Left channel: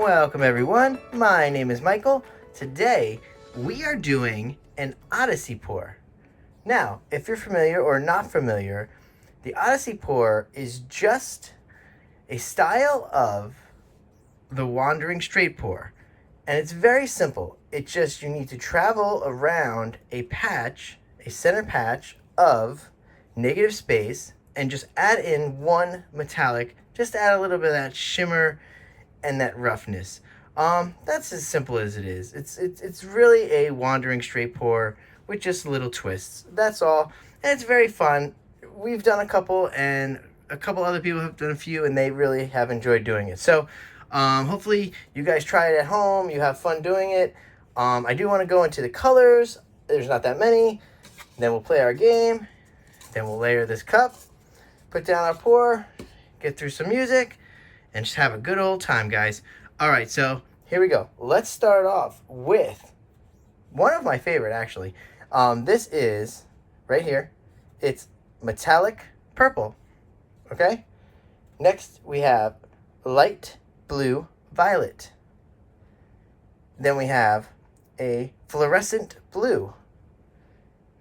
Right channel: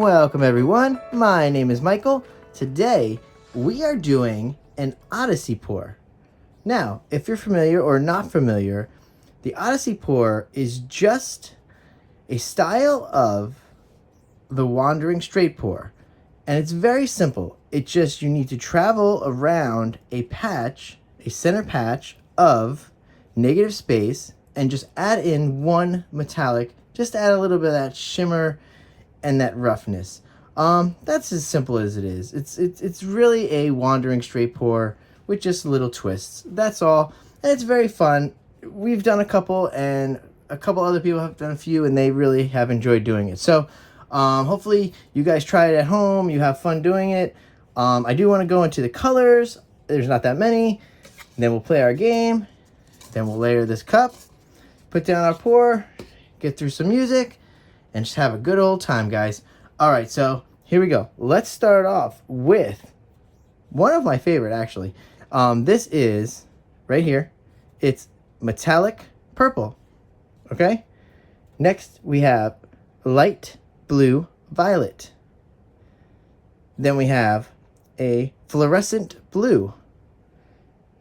Welcome everyone, my name is Michael. Today we are doing an Odyssey pour. Now, if you're familiar or not familiar, the Odyssey pour is just a style of the wandering straight pour. And it's very simple. It's just you need to travel around a patch, a center patch of negative space, and just add in one metallic, just add a little bit of that shimmer and that roughness. That's as simple as it is. It's really a wandering straight pour with just little twists. That's all. And it's very fun. We've done a couple and a couple other people have done a few and they really have enjoyed doing it. So hopefully you guys try it at home. You have fun doing it. I do want to go into the colors. There's not that many. Then we'll play our game. Then we'll layer this cup, put down our pour, get through some music, and just have a good old time, guys. All right, so here we go. Let's start off with one of my favorite, actually. This is right here. It's metallic purple, okay? Next, we have light blue violet. Then we have a fluorescent blue.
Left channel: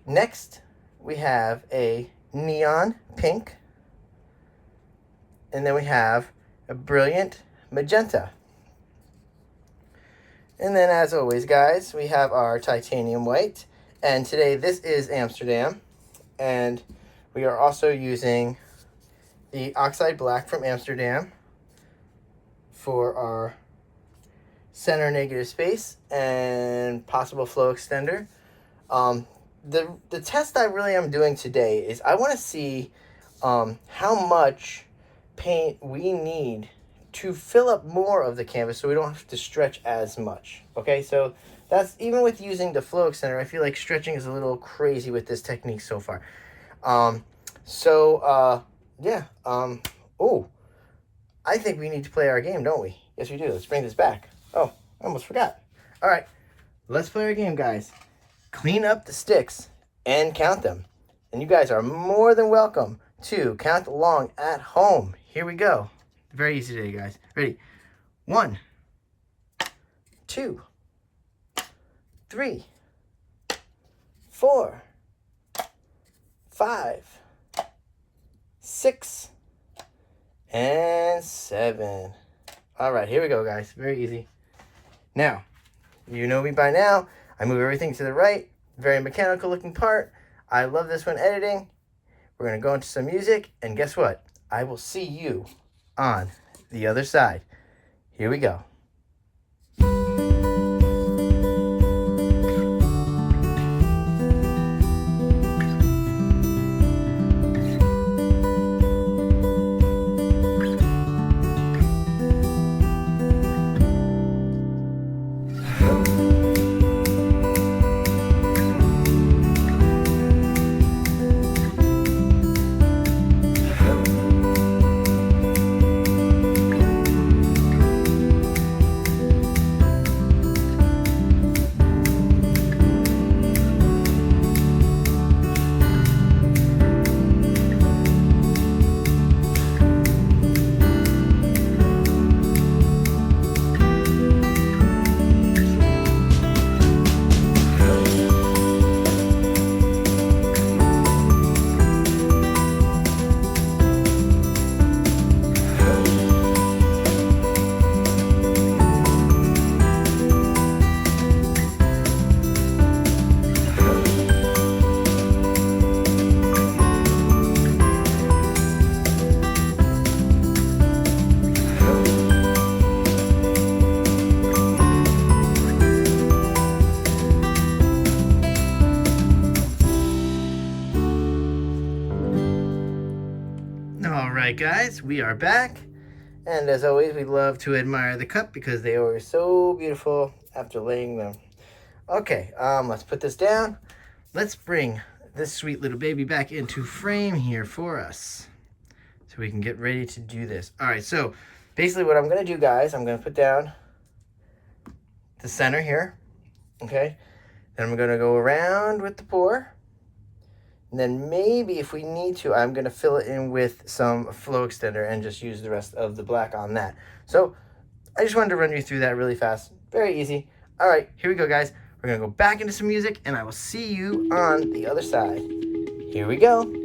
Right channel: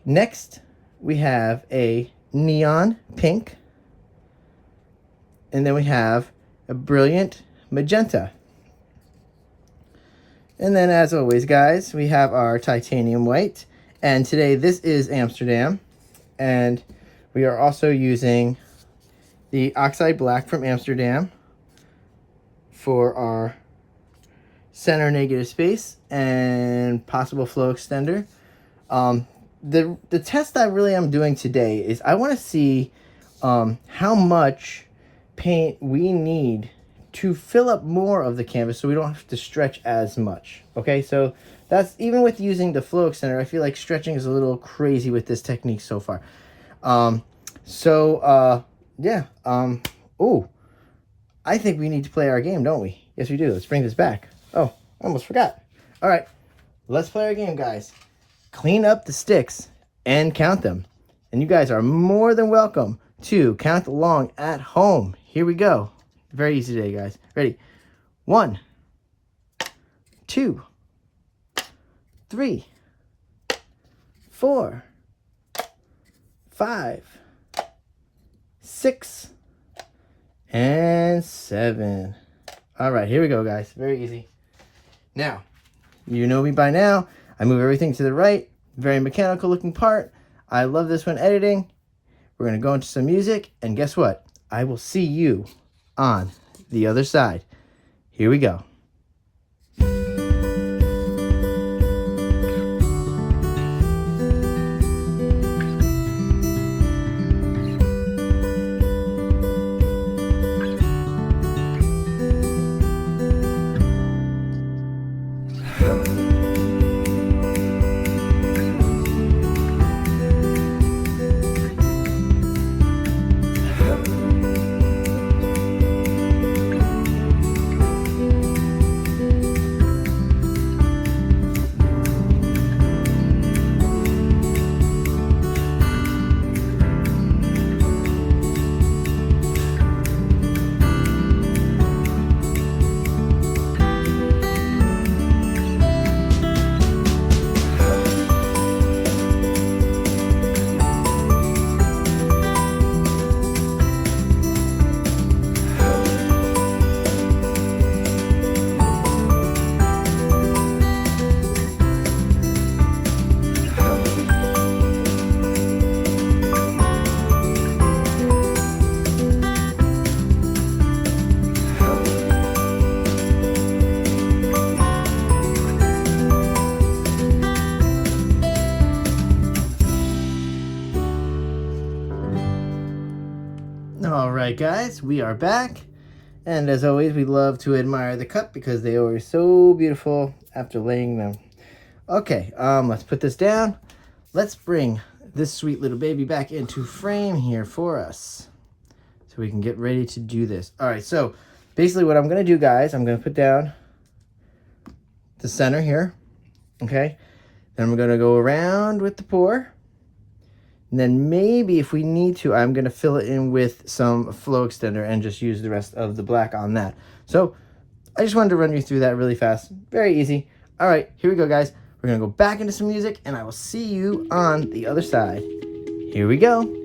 Next, we have a neon pink. And then we have a brilliant magenta. And then as always, guys, we have our titanium white. And today this is Amsterdam. And we are also using the oxide black from Amsterdam for our center negative space and possible flow extender. The test I really am doing today is I want to see how much paint we need to fill up more of the canvas so we don't have to stretch as much. Okay, so that's even with using the flow extender, I feel like stretching is a little crazy with this technique so far. Yeah. Oh, I think we need to play our game, don't we? Yes, we do. Let's bring this back. Oh, I almost forgot. All right, let's play our game, guys. Clean up the sticks and count them. And you guys are more than welcome to count along at home. Here we go. Very easy today, guys. Ready? 1, 2, 3, 4, 5, 6, and 7. All right, here we go, guys. Very easy. Now, you know me by now. I move everything to the right. Very mechanical looking part. I love this one editing. We're going to go into some music, and guess what? I will see you on the other side. Here we go. Alright guys, we are back, and as always we love to admire the cup because they were so beautiful after laying them. Okay, let's put this down. Let's bring this sweet little baby back into frame here for us so we can get ready to do this. Alright, so basically what I'm going to do, guys, I'm going to put down the center here, okay? Then I'm going to go around with the pour. And then maybe if we need to, I'm going to fill it in with some flow extender and just use the rest of the black on that. So I just wanted to run you through that really fast. Very easy. All right, here we go, guys. We're gonna go back into some music, and I will see you on the other side. Here we go.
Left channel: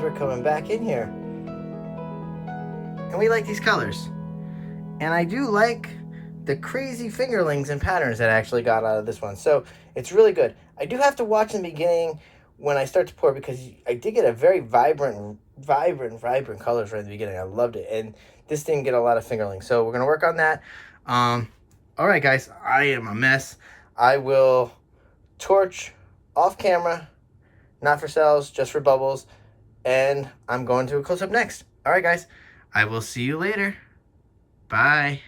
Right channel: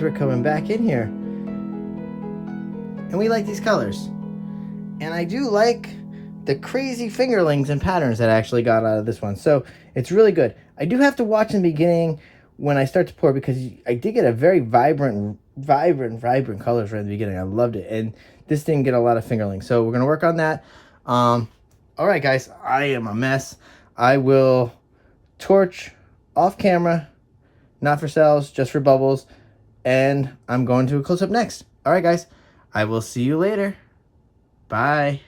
We're coming back in here, and we like these colors, and I do like the crazy fingerlings and patterns that I actually got out of this one, so it's really good. I do have to watch in the beginning when I start to pour, because I did get a very vibrant colors right in the beginning. I loved it, and this didn't get a lot of fingerlings, so we're gonna work on that. All right, guys, I am a mess. I will torch off camera, not for cells, just for bubbles. And I'm going to a close-up next. All right, guys. I will see you later. Bye.